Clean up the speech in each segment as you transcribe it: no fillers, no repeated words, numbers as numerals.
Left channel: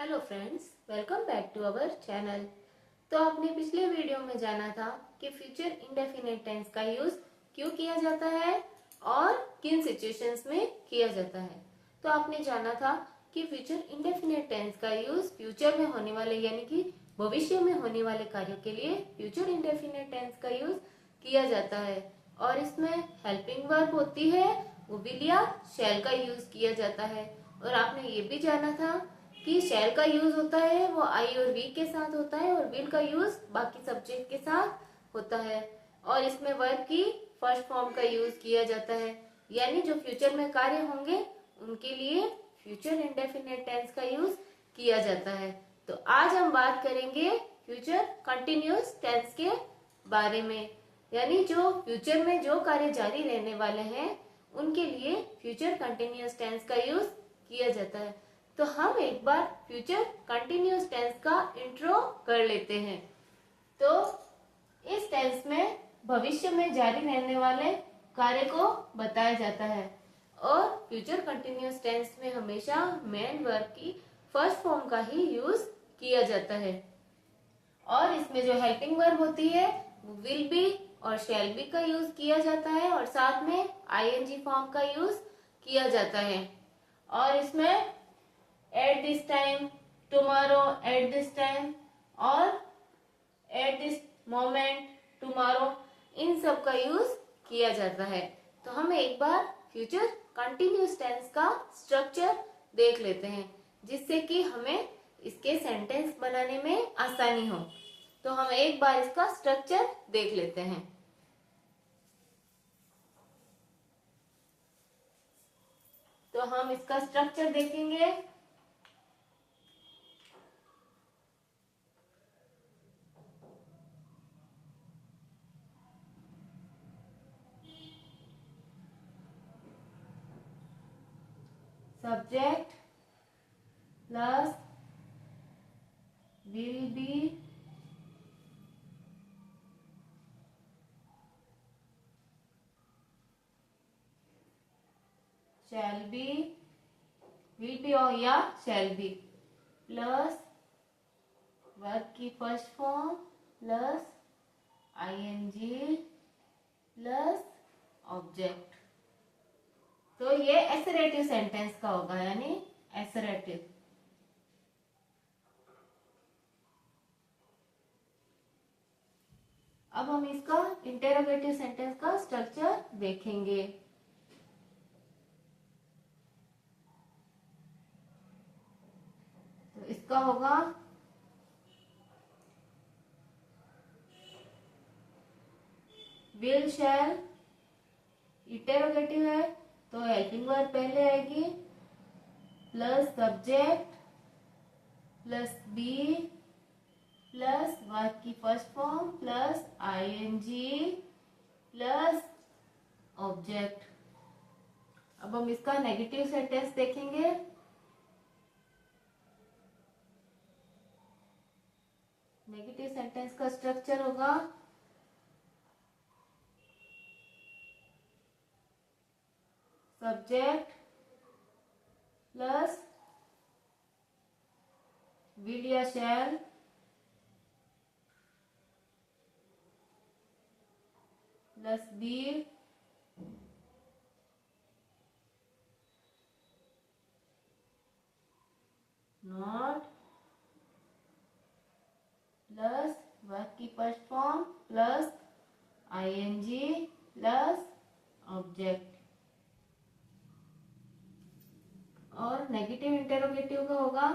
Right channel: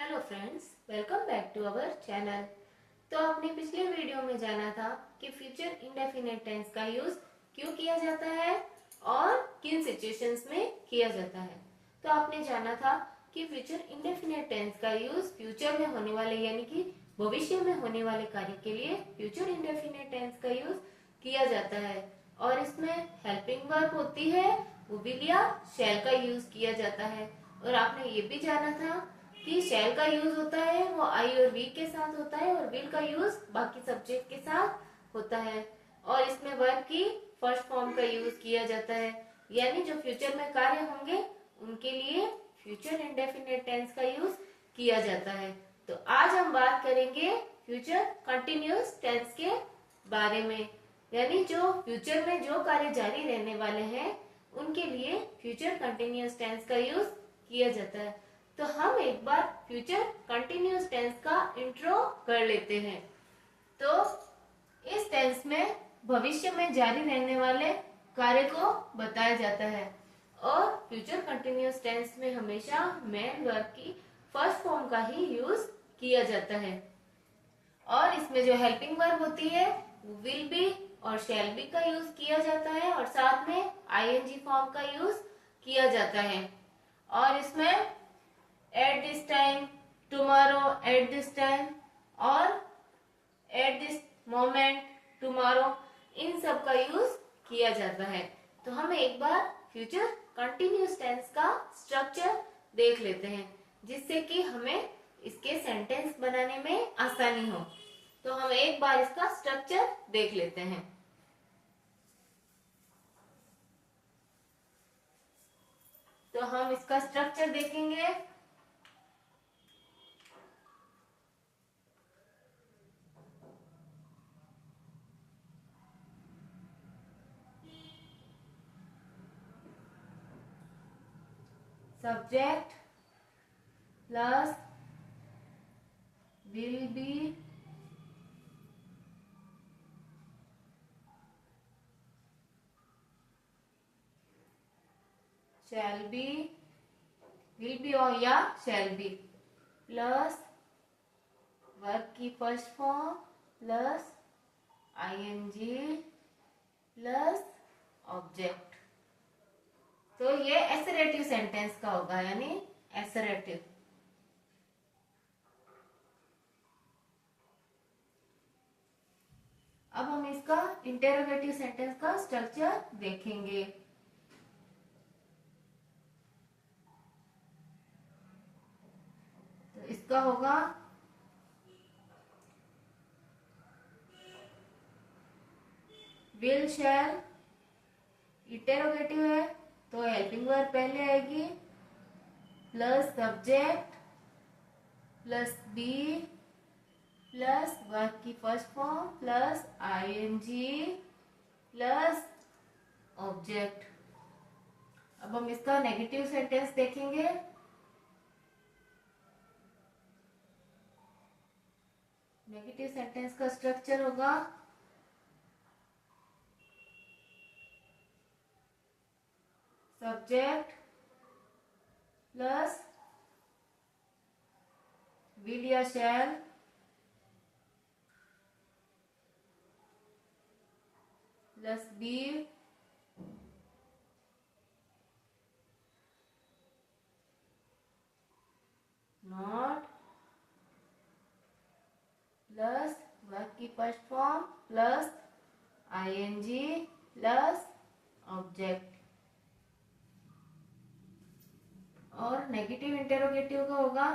Hello friends, welcome back to our channel. तो आपने पिछले वीडियो में जाना था कि फ्यूचर इंडेफिनिट टेंस का यूज क्यों किया जाता है और किन सिचुएशंस में किया जाता है। तो आपने जाना था कि फ्यूचर इंडेफिनिट टेंस का यूज फ्यूचर में होने वाले यानी कि भविष्य में होने वाले कार्य के लिए फ्यूचर इंडेफिनिट टेंस का यूज किया जाता है और इसमें हेल्पिंग वर्ब होती है, वो विल या शैल का यूज किया जाता है। और आपने ये भी जाना था कि शैल का यूज होता है वो आई और वी के साथ होता है और विल का यूज बाकी सब्जेक्ट के साथ होता है। और इसमें वर्ब की फर्स्ट फॉर्म का यूज किया जाता है, यानी जो फ्यूचर में कार्य होंगे उनके लिए फ्यूचर इंडेफिनिट टेंस का यूज किया जाता है। तो आज हम बात करेंगे फ्यूचर कंटिन्यूअस टेंस के बारे में, यानी जो फ्यूचर में जो कार्य जारी रहने वाले हैं उनके लिए फ्यूचर कंटिन्यूअस टेंस का यूज किया जाता है। तो हम एक बार फ्यूचर कंटिन्यूअस टेंस का इंट्रो कर लेते हैं। तो इस टेंस में भविष्य में जारी रहने वाले कार्य को बताया जाता है और फ्यूचर कंटिन्यूअस टेंस में हमेशा मेन वर्ब की फर्स्ट फॉर्म का ही यूज किया जाता है। और इसमें जो हेल्पिंग वर्ब होती है वो विल बी और शैल बी का यूज किया जाता है और साथ में आईएनजी फॉर्म का यूज किया जाता है। और इसमें at this time, tomorrow, at this time और at this moment, tomorrow, इन सब का यूज किया जाता है। तो हम एक बार फ्यूचर कंटिन्यूअस टेंस का स्ट्रक्चर देख लेते हैं जिससे कि हमें इसके सेंटेंस बनाने में आसानी हो। तो हम एक बार इसका स्ट्रक्चर देख लेते हैं। तो हम इसका स्ट्रक्चर देखेंगे। Subject plus will be shall be, will be और या शैल बी प्लस वर्ब की first form plus ING plus object. तो ये एसरेटिव सेंटेंस का होगा, यानी एसरेटिव। अब हम इसका इंटेरोगेटिव सेंटेंस का स्ट्रक्चर देखेंगे। तो इसका होगा विल शैल, इंटेरोगेटिव है तो हेल्पिंग वर्ब पहले आएगी plus subject plus be plus verb की first form plus ING plus object. अब हम इसका नेगेटिव सेंटेंस देखेंगे। नेगेटिव सेंटेंस का स्ट्रक्चर होगा सब्जेक्ट प्लस विल या shall plus be not plus verb की first form plus ING plus object. और नेगेटिव इंटेरोगेटिव का होगा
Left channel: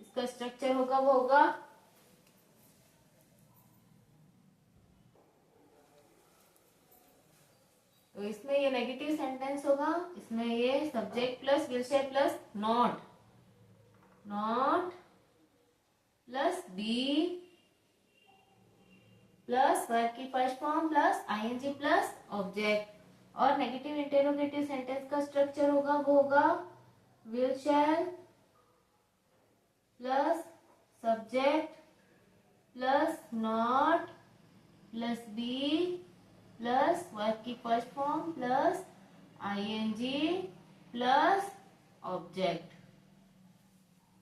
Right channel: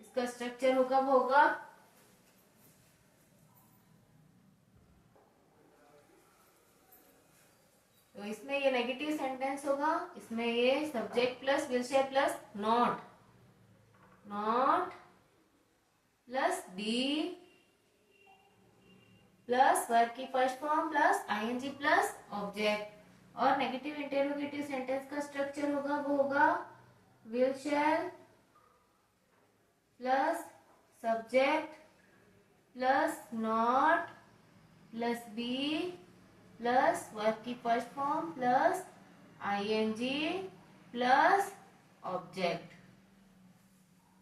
इसका स्ट्रक्चर होगा वो होगा तो इसमें ये नेगेटिव सेंटेंस होगा, इसमें ये subject plus will shall plus not, not plus be plus verb की first form plus ING plus object. और नेगेटिव इंटेरोगेटिव सेंटेंस का स्ट्रक्चर होगा वो होगा will shall plus subject plus not plus be plus verb की first form plus ING plus object.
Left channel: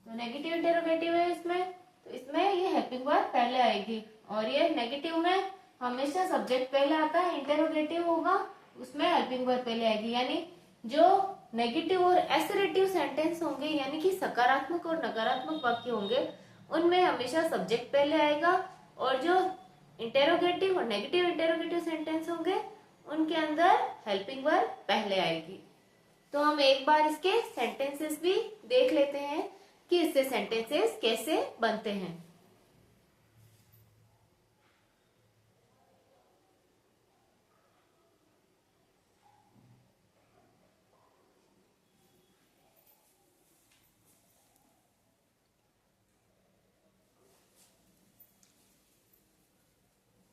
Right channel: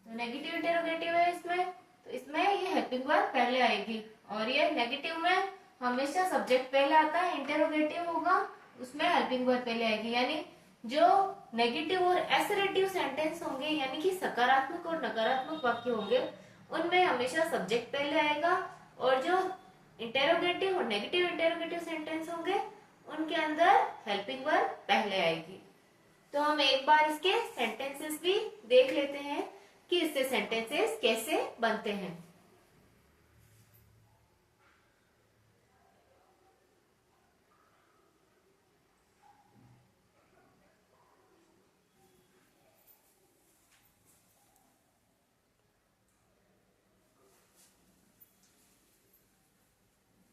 तो negative interrogative है इसमें, तो इसमें ये हेल्पिंग वर्ब पहले आएगी, और ये नेगेटिव में हमेशा सब्जेक्ट पहले आता है, इंटेरोगेटिव होगा उसमें हेल्पिंग वर्ब पहले आएगी। यानी जो नेगेटिव और एसरेटिव सेंटेंस होंगे यानी कि सकारात्मक और नकारात्मक वाक्य होंगे उनमें हमेशा सब्जेक्ट पहले आएगा, और जो इंटेरोगेटिव और नेगेटिव इंटेरोगेटिव सेंटेंस होंगे उनके अंदर हेल्पिंग वर्ब पहले आएगी। तो हम एक बार इसके सेंटेंसेस भी देख लेते हैं कि इससे सेंटेंसेस कैसे बनते हैं।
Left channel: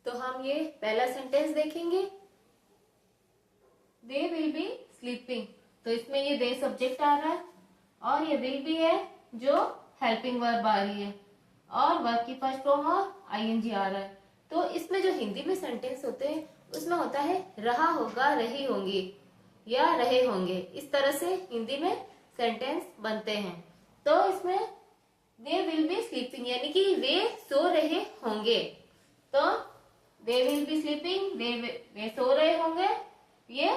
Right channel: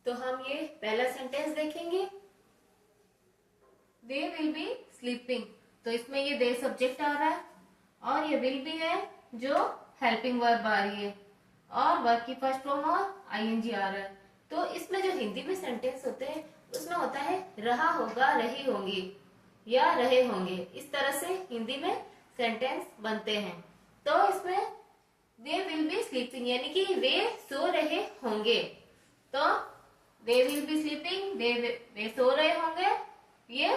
तो हम ये पहला सेंटेंस देखेंगे, दे विल बी स्लीपिंग। तो इसमें ये दे सब्जेक्ट आ रहा है और ये विल बी है जो हेल्पिंग वर्ब आ रही है, और वर्ब की फर्स्ट फॉर्म और आईएनजी आ रहा है। तो इसमें जो हिंदी में सेंटेंस होते हैं उसमें होता है रहा होगा, रही होंगी या रहे होंगे, इस तरह से हिंदी में सेंटेंस बनते हैं। तो इसमें दे विल बी स्लीपिंग यानी कि वे सो रहे होंगे, तो दे विल बी स्लीपिंग वे सो रहे होंगे, ये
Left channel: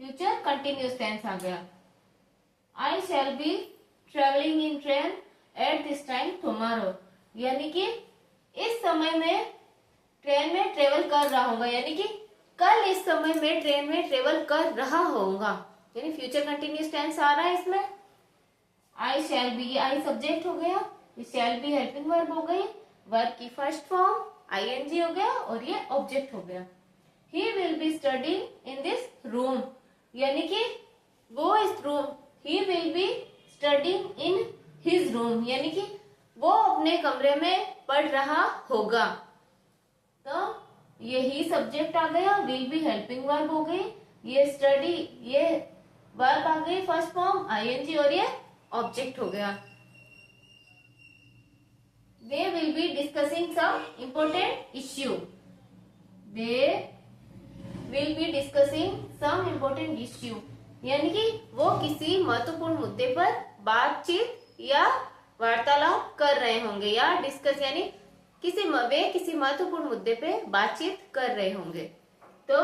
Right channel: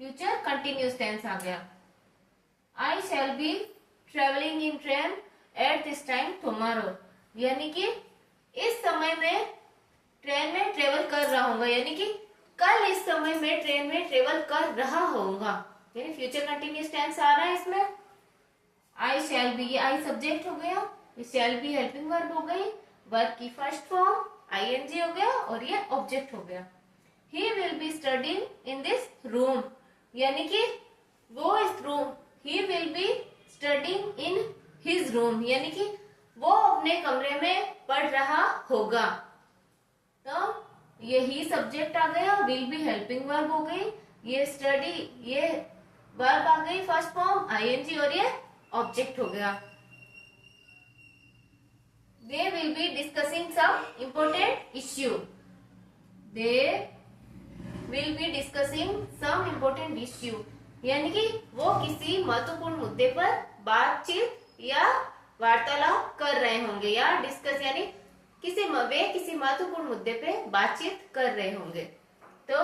फ्यूचर कंटिन्यूस टेंस आ गया। I shall be travelling in train at this time tomorrow, यानी कि इस समय में ट्रेन में ट्रेवल कर रहा होगा, यानी कि कल इस समय में ट्रेन में ट्रेवल कर रहा होगा, यानी फ्यूचर कंटिन्यूस टेंस आ रहा है इसमें। आई शैल बी, आई सब्जेक्ट हो गया, शैल बी हेल्पिंग वर्ब हो गई, वर्ब की फर्स्ट फॉर्म आईएनजी हो गया और ये ऑब्जेक्ट हो गया। He will be studying in this room, यानी कि वो इस room, he will be studying in his room, यानी कि वो अपने कमरे में पढ़ रहा होगा। तो ये ही सब्जेक्ट आ गया, विल बी हेल्पिंग वर्ब हो गई, ये स्टडी ये वर्ब आ गई फर्स्ट फॉर्म आईएनजी और ये ऑब्जेक्ट हो गया। They will be discussing some important issue. They will be discussing some important issue. यानी कि वो किसी महत्वपूर्ण मुद्दे पर बातचीत या वार्तालाप कर रहे होंगे, या डिस्कस यानी वे किसी महत्वपूर्ण मुद्दे पे बातचीत कर रहे होंगे। तो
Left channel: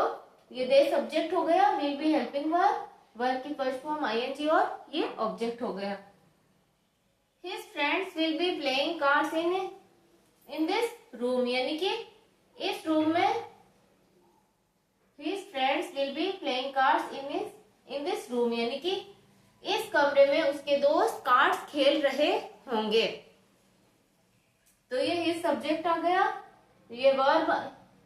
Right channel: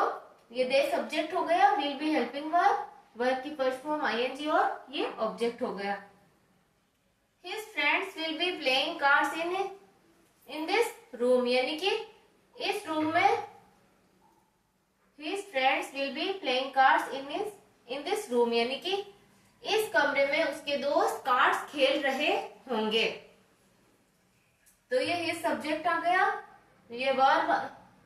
ये दे सब्जेक्ट हो गया, will be helping verb, verb की फर्स्ट फॉर्म आईएनजी और ये ऑब्जेक्ट हो गया। His friends will be playing cards in this room, यानी कि इस रूम में his friends will be playing cards in this room, यानी कि इस कमरे में उसके दोस्त कार्ड्स खेल रहे होंगे। तो ये his सब्जेक्ट आ गया, ये वर्ब,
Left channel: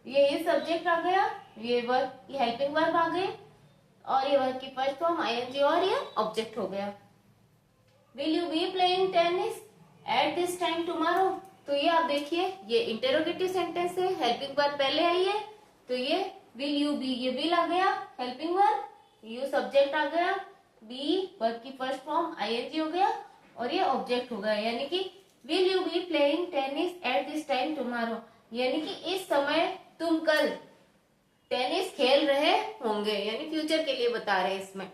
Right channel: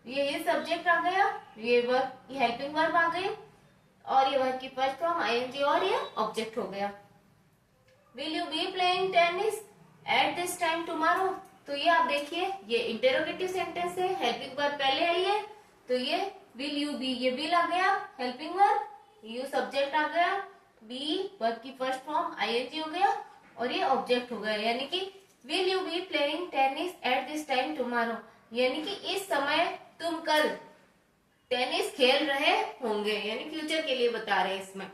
ये his सब्जेक्ट आ गया, ये वर्ब हेल्पिंग वर्ब आ गई और ये वर्ब की फर्स्ट फॉर्म आईएनजी और ये ऑब्जेक्ट हो गया। Will you be playing tennis at this time tomorrow? तो ये आप देखिए ये इंटेरोगेटिव सेंटेंस है, हेल्पिंग वर्ब पहले आई है, तो ये will you be, ये will आ गया हेल्पिंग वर्ब, you सब्जेक्ट आ गया, be वर्ब की फर्स्ट फॉर्म आईएनजी हो गया और ये ऑब्जेक्ट हो गया। यानी कि will you be playing tennis at this time tomorrow, यानी कि इस समय तुम कल टेनिस खेल रहे होंगे, यानी फ्यूचर के लिए बता रहे हैं इसमें।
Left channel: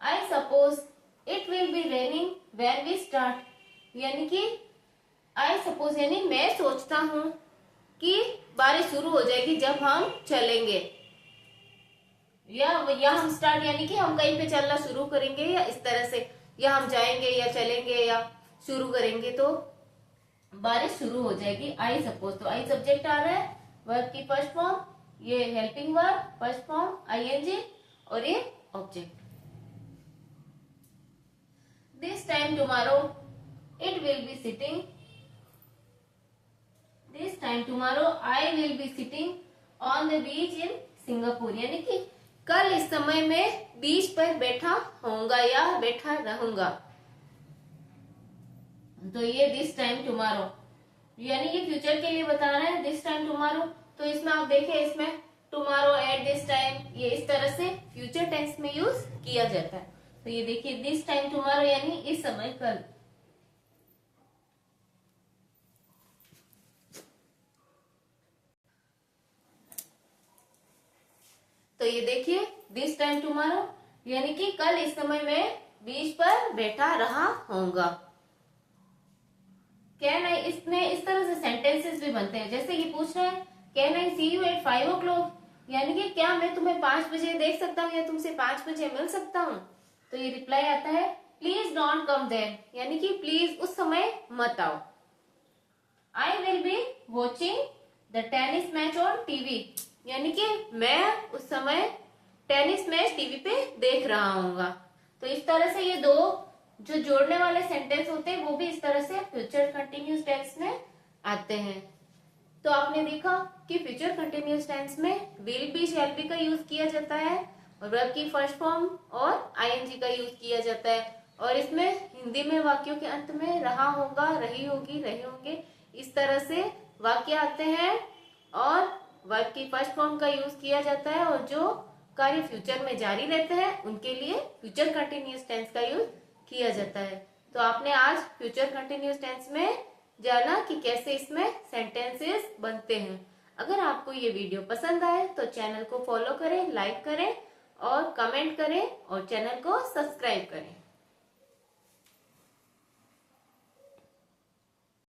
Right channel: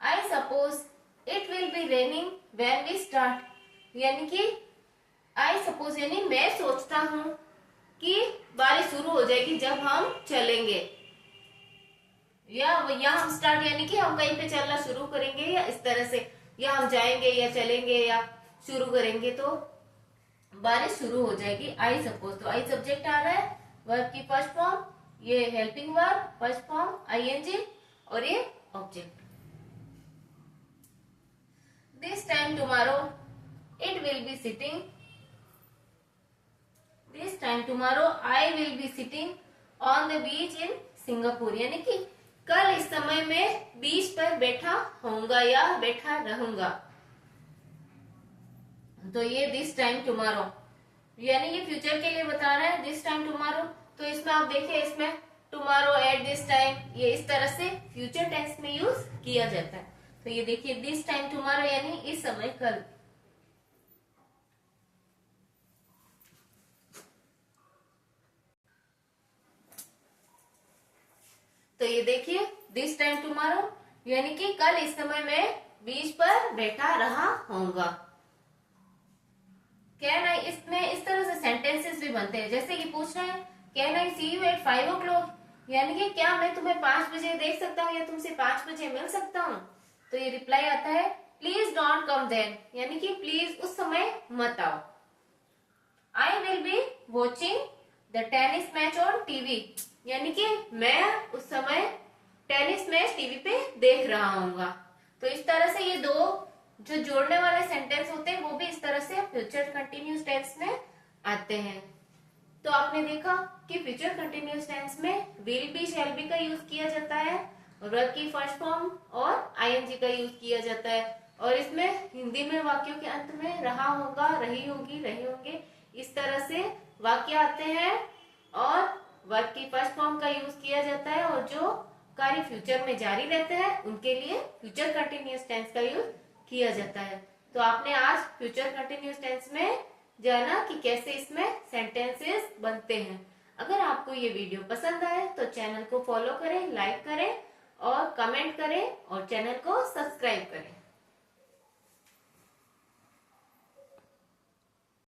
I suppose It will be raining when we start, यानी कि I suppose यानी मैं सोचता हूँ कि बारिश शुरू हो जाएगी जब हम चलेंगे, या हम स्टार्ट यानी कि हम कहीं पे चलना शुरू करेंगे या इस तरह से, या हम जाएंगे या चलेंगे या शुरू करेंगे तो बारिश शुरू हो जाएगी। आई सपोज, तो आई सब्जेक्ट आ रहा है, वर्ब की फर्स्ट फॉर्म, ये helping verb first form ING और ये object. This time tomorrow it will be sitting, this time tomorrow I will be sitting on the beach in Singapore, यानी कि कल इस समय में बीच पर बैठा होऊंगा या बैठा रहूंगा। तो ये दिस टाइम टुमारो यानी ये फ्यूचर के लिए बता रहा है, दिस टाइम टुमारो। तो इसमें आप देखिए इसमें टुमारो एट दिस टाइम, ये इस तरह से फ्यूचर टेंस में यूज किया जाता है। तो ये देखिए दिस टाइम टुमारो यानी इस समय कल। तो ये देखिए, दिस टाइम टुमारो, यानी कि कल इस समय मैं बीच पर बैठा रहा होऊंगा। कैन आई, इसमें इस तरह से सेंटेंसेस भी बनते हैं। जैसे कि पूछ रहा है can I see you at 5 o'clock, यानी कि क्या मैं तुम्हें 5 बजे देख सकता हूँ या तुमसे 5 बजे मिल सकता हूँ। तो ये रिप्लाई आता है प्लीज डोंट कम देन, यानी कि प्लीज उस समय मत आओ। I will be watching the tennis match on TV, यानी कि मैं उस समय टेनिस मैच टीवी पे देख रहा हूँगा। तो इस तरह से ये दो जो जोड़ने वाले सेंटेंस होते हैं वो भी इस तरह से फ्यूचर कंटिन्यूस टेंस में आते हैं। तो आपने देखा कि फ्यूचर कंटिन्यूस टेंस में विल बी, शैल बी का यूज किया जाता है, वर्ब की फर्स्ट फॉर्म और आईएनजी का यूज किया जाता है, और इसमें हिंदी में वाक्यों के अंत में रहा होगा, रही होगी, रहे होंगे, इस तरह से वाक्य आते हैं और वर्ब की फर्स्ट फॉर्म का यूज किया जाता है, और जो कार्य फ्यूचर में जारी रहते हैं उनके लिए फ्यूचर कंटिन्यूस टेंस का यूज किया जाता है। तो आपने आज फ्यूचर कंटिन्यूस टेंस में जाना कि कैसे इसमें सेंटेंसेस बनते हैं। अगर आपको ये वीडियो पसंद आए तो चैनल को फॉलो करें, लाइक करें और कमेंट करें और चैनल को सब्सक्राइब करें।